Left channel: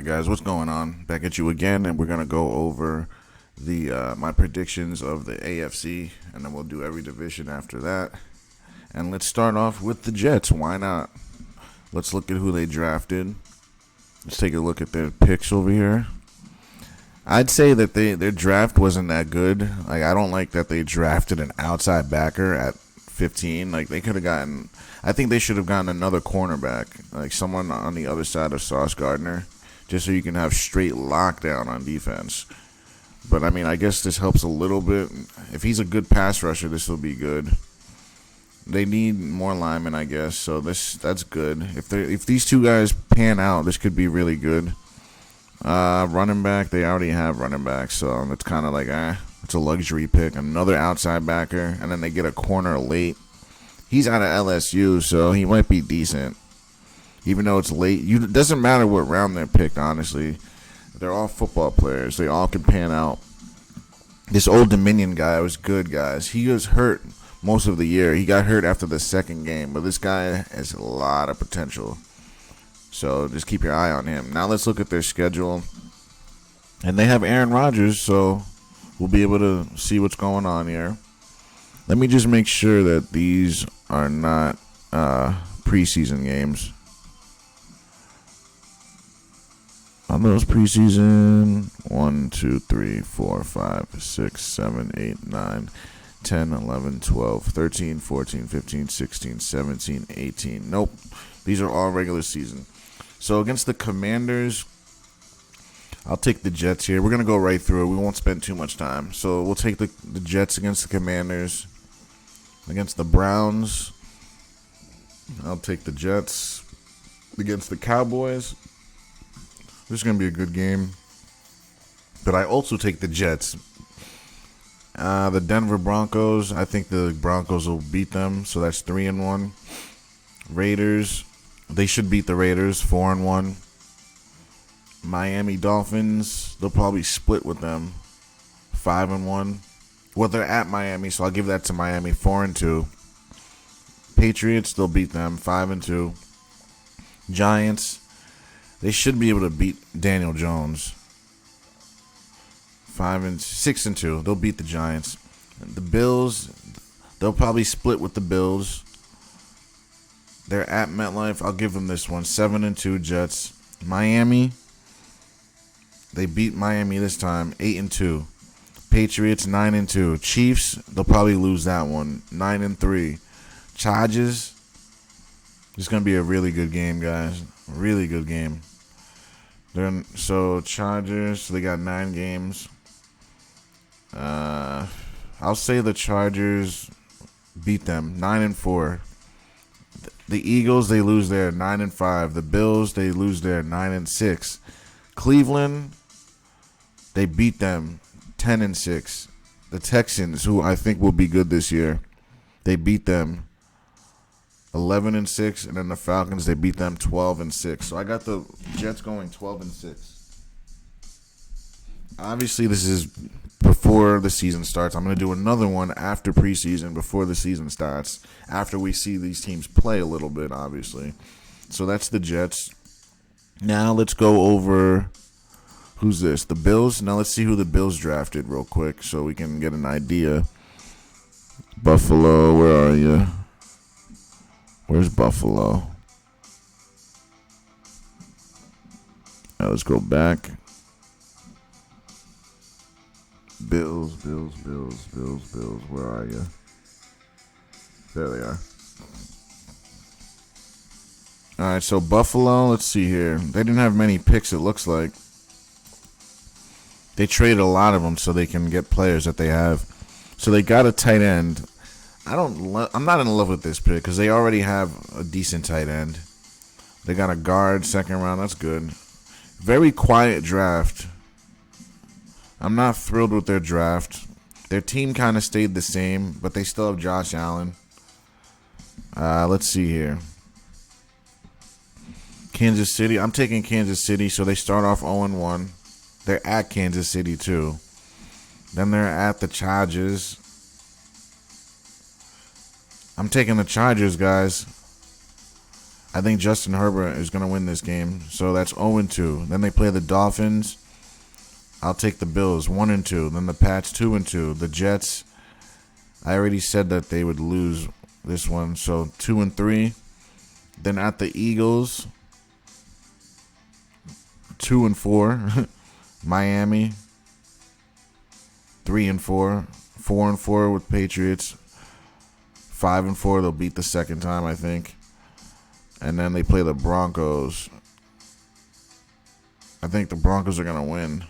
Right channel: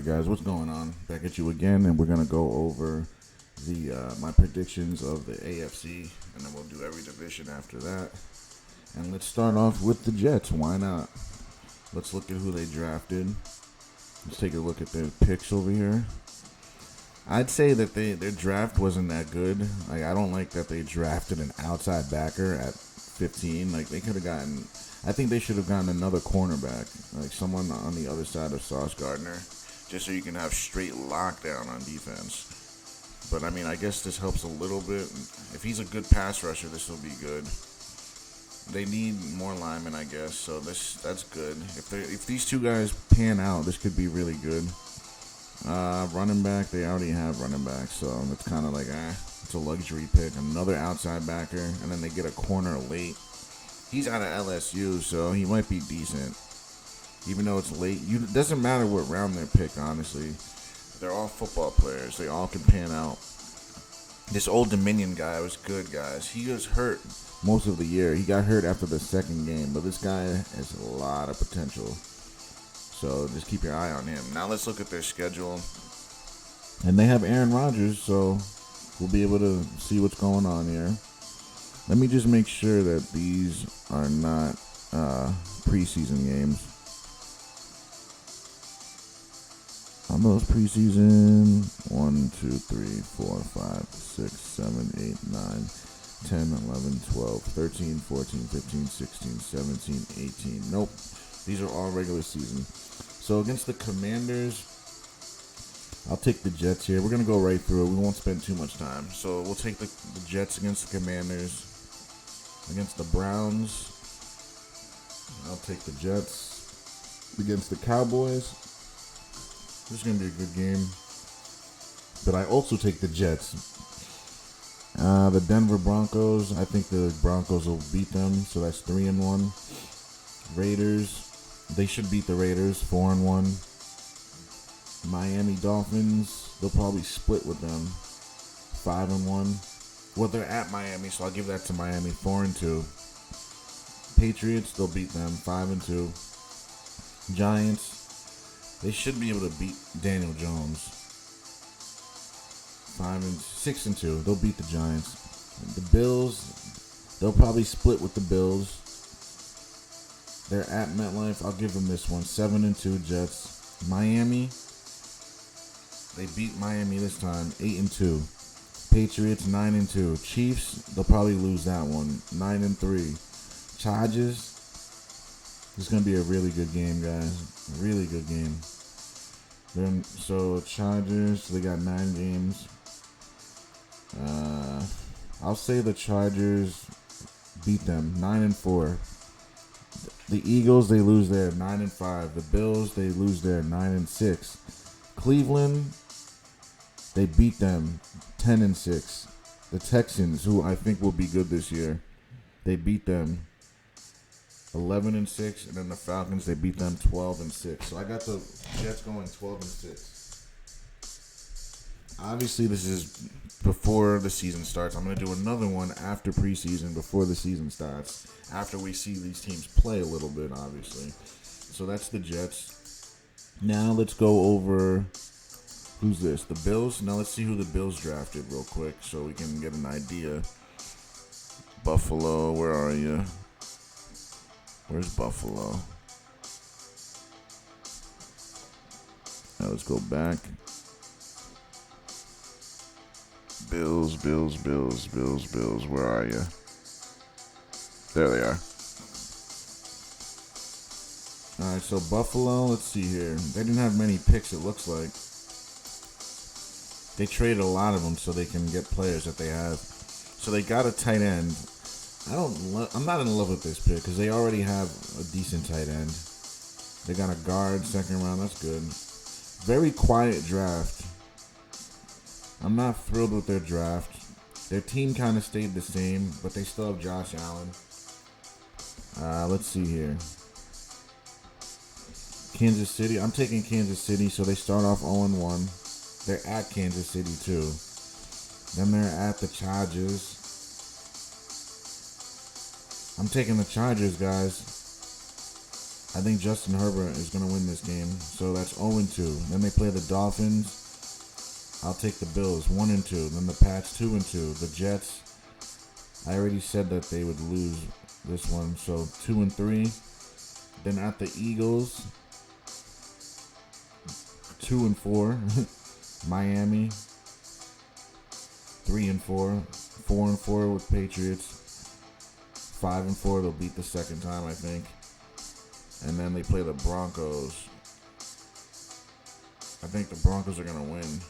Alright guys, what's going on? Back at you again, and we're gonna go over the my predictions of the AFC, and then we'll do every division after that. And let's start off with the Jets. Why not? Let's look at who they drafted. Let's take a look at their picks over here. I'd say that their draft wasn't that good. Like, I don't like that they drafted an outside backer at 15. Like, they could have gotten. I think they should have gotten another cornerback, like someone on the other side of Sauce Gardner, just so you can have straight lockdown on defense. But I mean, I guess this helps a little bit. If he's a good pass rusher, this will be good. They need more linemen, I guess. So that's good. If these two guys pan out, this could be really good. Running back, they already have running back, so it's kind of like it's a luxury pick. Another outside backer, and then they get a corner late. He's out of LSU, so he might be decent. Even though it's late, it doesn't matter what round they're picked, honestly. They're all football players. They all can pan out. This Old Dominion guy was good, guys. He was hurt most of the year. He got hurt after the second game, but this guy has a lot of potential. So just keep your eye on him. Now let's look at their schedule. And they have Aaron Rodgers, so we'll be able to see what's going on here. Let me just make sure that these are not preseason games. On those preseason, 1, 2, 3, 4, 5, 6, 7, 8, 9, 10, 11, 12, 13, 14, 15, 16, 17, 18. Nope. These are all regular season. So against the Commanders, I'll take the Jets here. We're going to go right through it. We won't spend too much time. So we'll take the Jets against the Commanders. Against the Browns, I'll take the Jets. Against the Cowboys, this is going to be a good game. But I also take the Jets. The Denver Broncos, I think the Broncos will beat them, so that's 3-1. Raiders, they should beat the Raiders, 4-1. Miami Dolphins, they'll probably split with them, 5-1. Well, they're at Miami, so I'll give that to Miami, 4-2. Patriots, they'll beat them, 5-2. Giants, they should be able to beat Daniel Jones, 6-2. They'll beat the Giants. The Bills, they'll probably split with the Bills. They're at MetLife. I'll give them this one, 7-2 Jets. Miami, they beat Miami this time, 8-2. Patriots, 9-2. Chiefs, they'll probably lose that one, 9-3. Chargers, it's going to be a really good game, guys. Really good game. So Chargers, they got 9 games. I'll say the Chargers beat them, 9-4. The Eagles, they lose there, 9-5. The Bills, they lose there, 9-6. Cleveland, they beat them, 10-6. The Texans, who I think will be good this year, they beat them 11-6, and then the Falcons, they beat them 12-6. So I got the Jets going 12-6. Obviously, this is before the season starts. I'm going to do another one after preseason, before the season starts, after we see these teams play a little bit, obviously. So that's the Jets. Now let's go over, who's this? The Bills. Now let's see who the Bills drafted real quick so we can get an idea. Buffalo, where are you? Where's Buffalo? Now let's go back. Bills. Where are you? There they are. All right, so Buffalo, let's see here. They didn't have many picks, it looks like. They traded a lot of them so they can get players that they have. So they got a tight end. I'm not in love with this pick because they already have a decent tight end. They got a guard, second round. That's good. Very quiet draft. I'm not thrilled with their draft. Their team kind of stayed the same, but they still have Josh Allen. Let's see here. Kansas City. I'm taking Kansas City, so they start off 0-1. They're at Kansas City, too. Then they're at the Chargers. I'm taking the Chargers, guys. I think Justin Herbert is going to win this game. So that's 0-2. Then they play the Dolphins. I'll take the Bills 1-2. Then the Pats 2-2. The Jets, I already said that they would lose this one. So 2-3. Then at the Eagles, 2-4. Miami, 3-4. 4-4 with Patriots. 5-4. They'll beat the second time, I think. And then they play the Broncos. I think the Broncos are gonna win.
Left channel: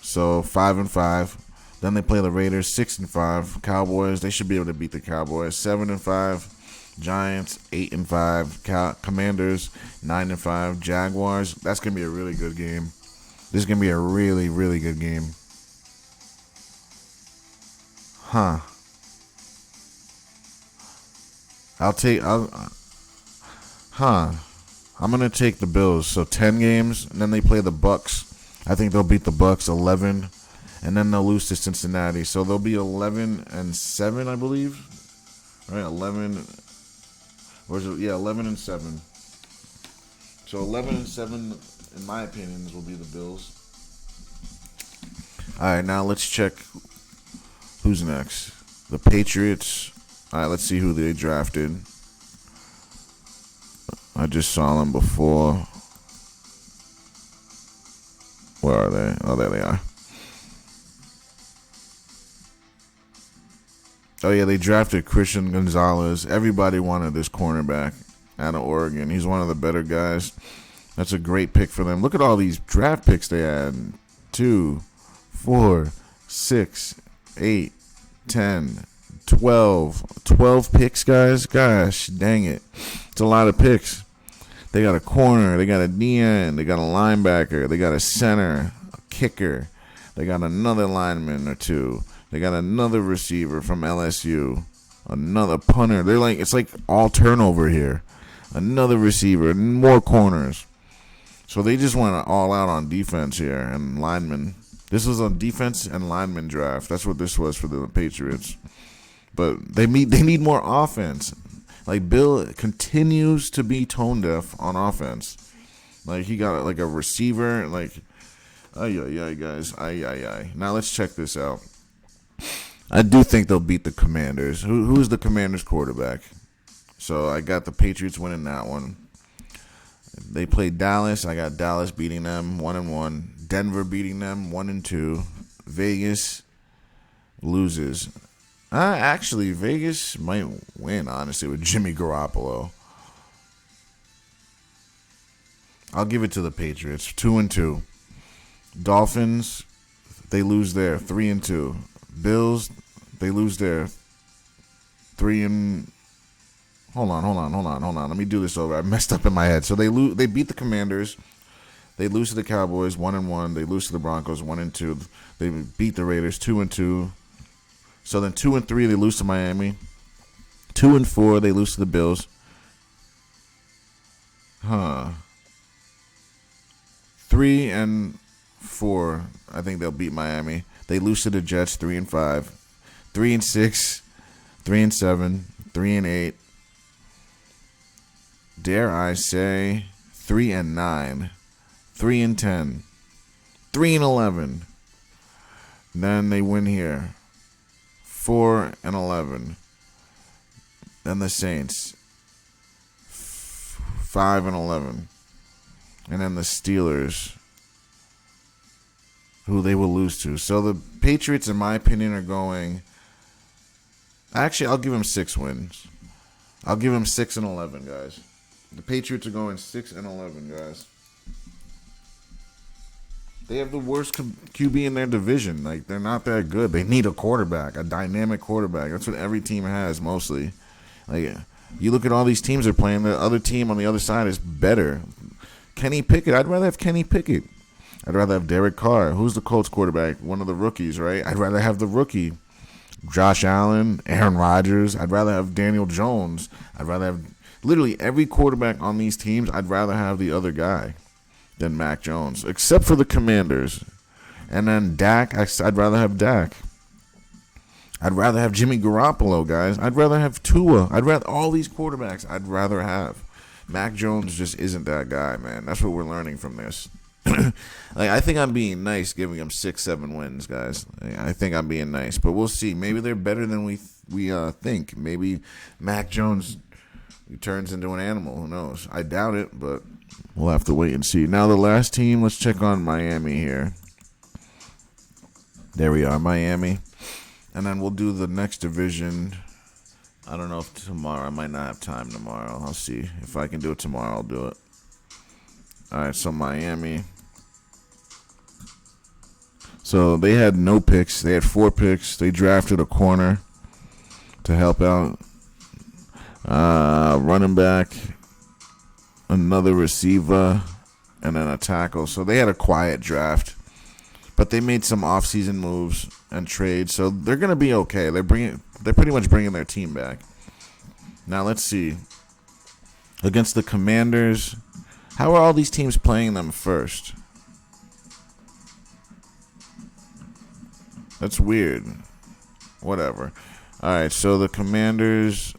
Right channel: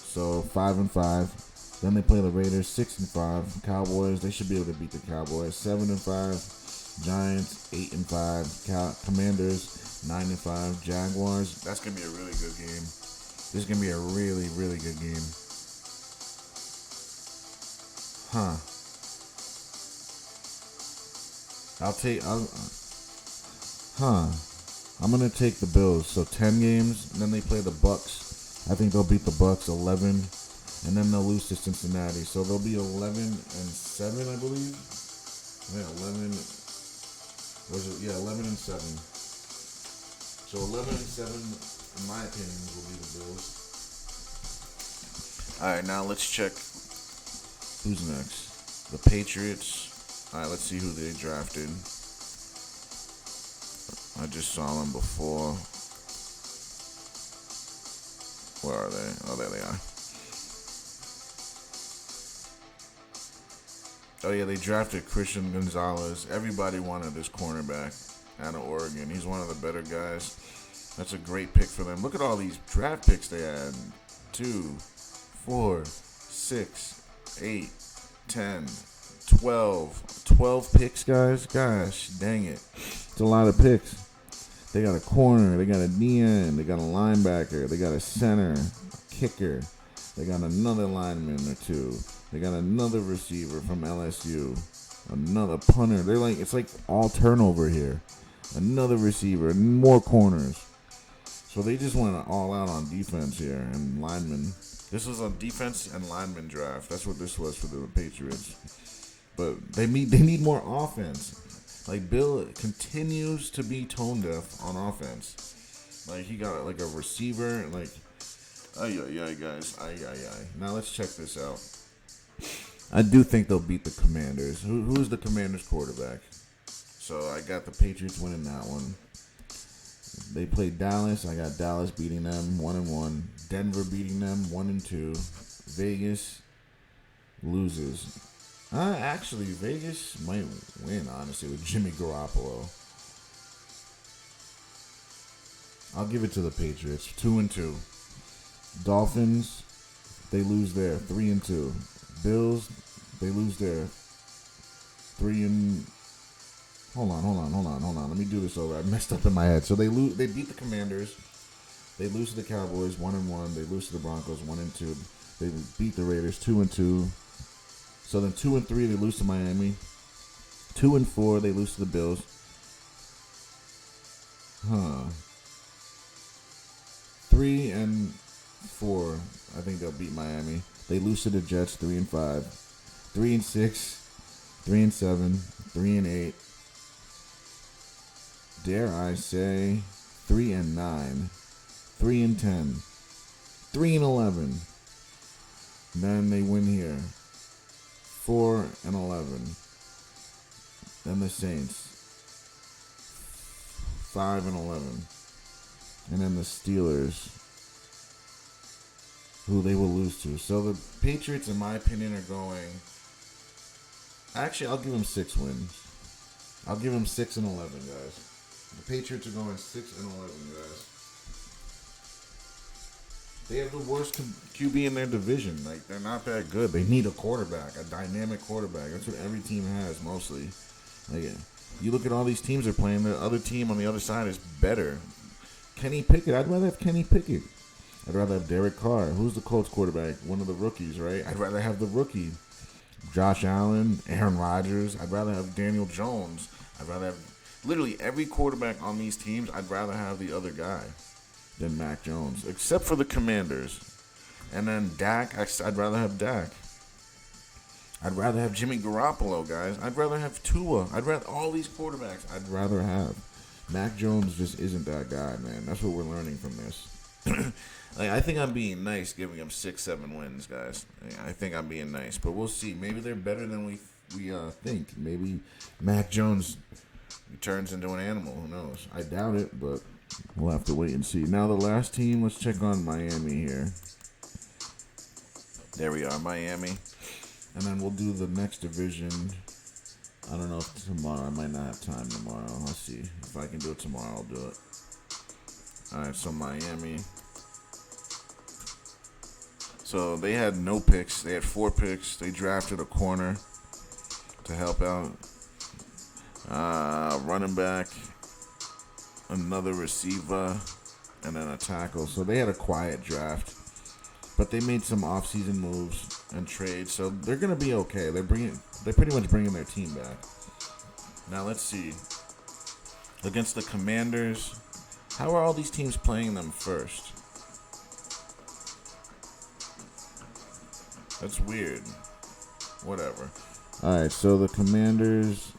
So 5-5. Then they play the Raiders. 6-5. Cowboys. They should be able to beat the Cowboys. 7-5. Giants. 8-5. Commanders. 9-5. Jaguars. That's gonna be a really good game. This is gonna be a really, really good game. Huh. I'm gonna take the Bills. So 10 games, and then they play the Bucks. I think they'll beat the Bucks 11, and then they'll lose to Cincinnati. So they'll be 11-7, I believe. All right, 11. Or is it? Yeah, 11-7. So 11-7, in my opinion, will be the Bills. All right, now let's check who's next. The Patriots. All right, let's see who they drafted. I just saw them before. Where are they? Oh, there they are. Oh, yeah, they drafted Christian Gonzalez. Everybody wanted this cornerback out of Oregon. He's one of the better guys. That's a great pick for them. Look at all these draft picks they had. 2, 4, 6, 8, 10, 12. 12 picks, guys. Gosh, dang it. It's a lot of picks. They got a corner. They got a DN. They got a linebacker. They got a center, a kicker. They got another lineman or two. They got another receiver from LSU. Another punter. It's like all turnover here. Another receiver. More corners. So they just went all out on defense here and linemen. This was a defense and lineman draft. That's what this was for the Patriots. But they need more offense. Like, Bill continues to be tone deaf on offense. Like, he got like a receiver. Like, ay, guys. Ay. Now let's check this out. I do think they'll beat the Commanders. Who's the Commanders quarterback? So I got the Patriots winning that one. They played Dallas. I got Dallas beating them 1-1. Denver beating them 1-2. Vegas loses. Actually, Vegas might win, honestly, with Jimmy Garoppolo. I'll give it to the Patriots. 2-2. Dolphins, they lose there. 3-2. Bills, they lose there. 3 and... Hold on. Let me do this over. I messed up in my head. So they beat the Commanders. They lose to the Cowboys 1-1. They lose to the Broncos 1-2. They beat the Raiders 2-2. So then 2-3 they lose to Miami. 2-4 they lose to the Bills. 3-4 I think they'll beat Miami. They lose to the Jets 3-5. 3-6. 3-7. 3-8. Dare I say 3-9. 3-10. 3-11. Then they win here. 4-11. Then the Saints 5-11. And then the Steelers, who they will lose to. So the Patriots, in my opinion, are going... Actually, I'll give them 6 wins. I'll give them 6-11, guys. The Patriots are going 6-11, guys. They have the worst QB in their division. Like, they're not that good. They need a quarterback, a dynamic quarterback. That's what every team has, mostly. Like, you look at all these teams they're playing, the other team on the other side is better. Kenny Pickett, I'd rather have Kenny Pickett. I'd rather have Derek Carr. Who's the Colts quarterback? One of the rookies, right? I'd rather have the rookie. Josh Allen, Aaron Rodgers. I'd rather have Daniel Jones. I'd rather have literally every quarterback on these teams. I'd rather have the other guy than Mac Jones, except for the Commanders. And then Dak, I'd rather have Dak. I'd rather have Jimmy Garoppolo, guys. I'd rather have Tua. I'd rather all these quarterbacks. I'd rather have. Mac Jones just isn't that guy, man. That's what we're learning from this. Like, I think I'm being nice, giving them 6-7 wins, guys. I think I'm being nice, but we'll see. Maybe they're better than we think. Maybe Mac Jones turns into an animal. Who knows? I doubt it, but we'll have to wait and see. Now the last team. Let's check on Miami here. There we are, Miami, and then we'll do the next division. I don't know if tomorrow. I might not have time tomorrow. I'll see. If I can do it tomorrow, I'll do it. All right, so Miami. So they had no picks. They had 4 picks. They drafted a corner to help out. Running back, another receiver, and then a tackle. So they had a quiet draft. But they made some offseason moves and trades. So they're going to be okay. They're pretty much bringing their team back. Now let's see. Against the Commanders, how are all these teams playing them first? That's weird. Whatever. All right, so the Commanders.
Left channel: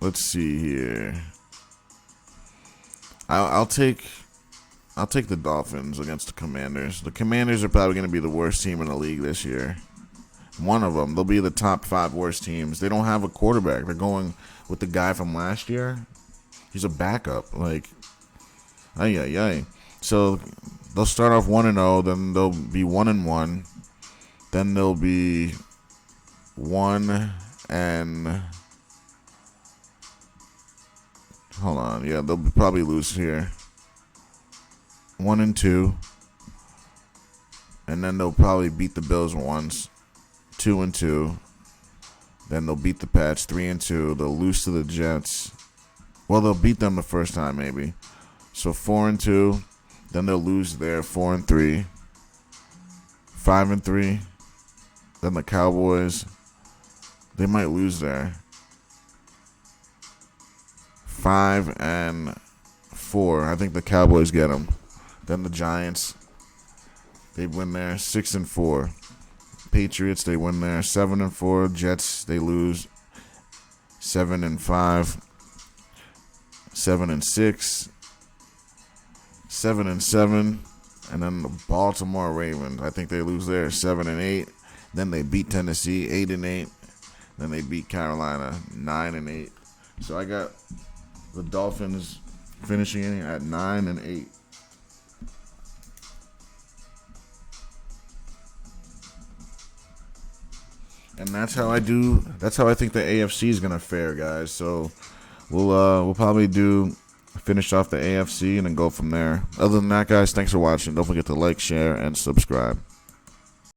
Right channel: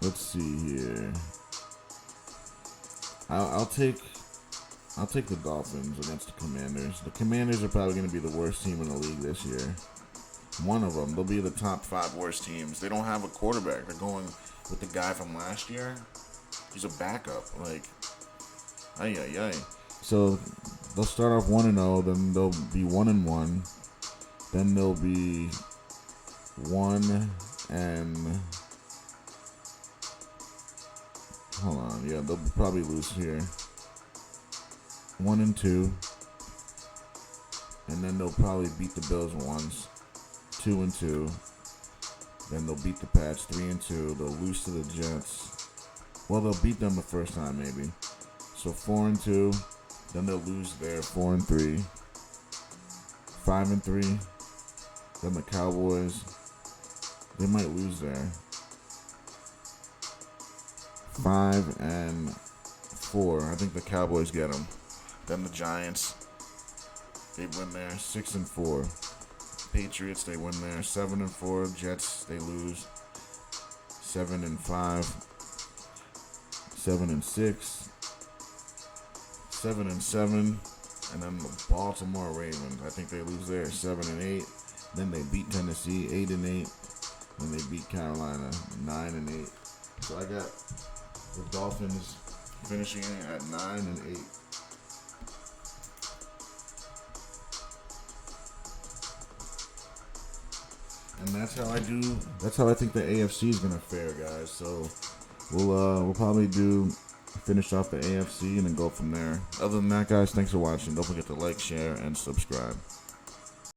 Let's see here. I'll take the Dolphins against the Commanders. The Commanders are probably going to be the worst team in the league this year. One of them. They'll be the top 5 worst teams. They don't have a quarterback. They're going with the guy from last year. He's a backup. Like, ay. So they'll start off 1-0. Then they'll be 1-1. Then they'll be 1 and. Hold on. Yeah, they'll probably lose here. 1-2. And then they'll probably beat the Bills once. 2-2. Then they'll beat the Pats 3-2. They'll lose to the Jets. Well, they'll beat them the first time maybe. So 4-2. Then they'll lose there 4-3. 5-3. Then the Cowboys. They might lose there. 5-4. I think the Cowboys get them. Then the Giants. They win there 6-4. Patriots, they win there 7-4. Jets, they lose 7-5. 7-6. 7-7. And then the Baltimore Ravens, I think they lose there 7-8. Then they beat Tennessee 8-8. Then they beat Carolina 9-8. So I got the Dolphins finishing at 9-8. And that's how I think the AFC is gonna fare, guys. So we'll probably finish off the AFC and then go from there. Other than that, guys, thanks for watching. Don't forget to like, share, and subscribe.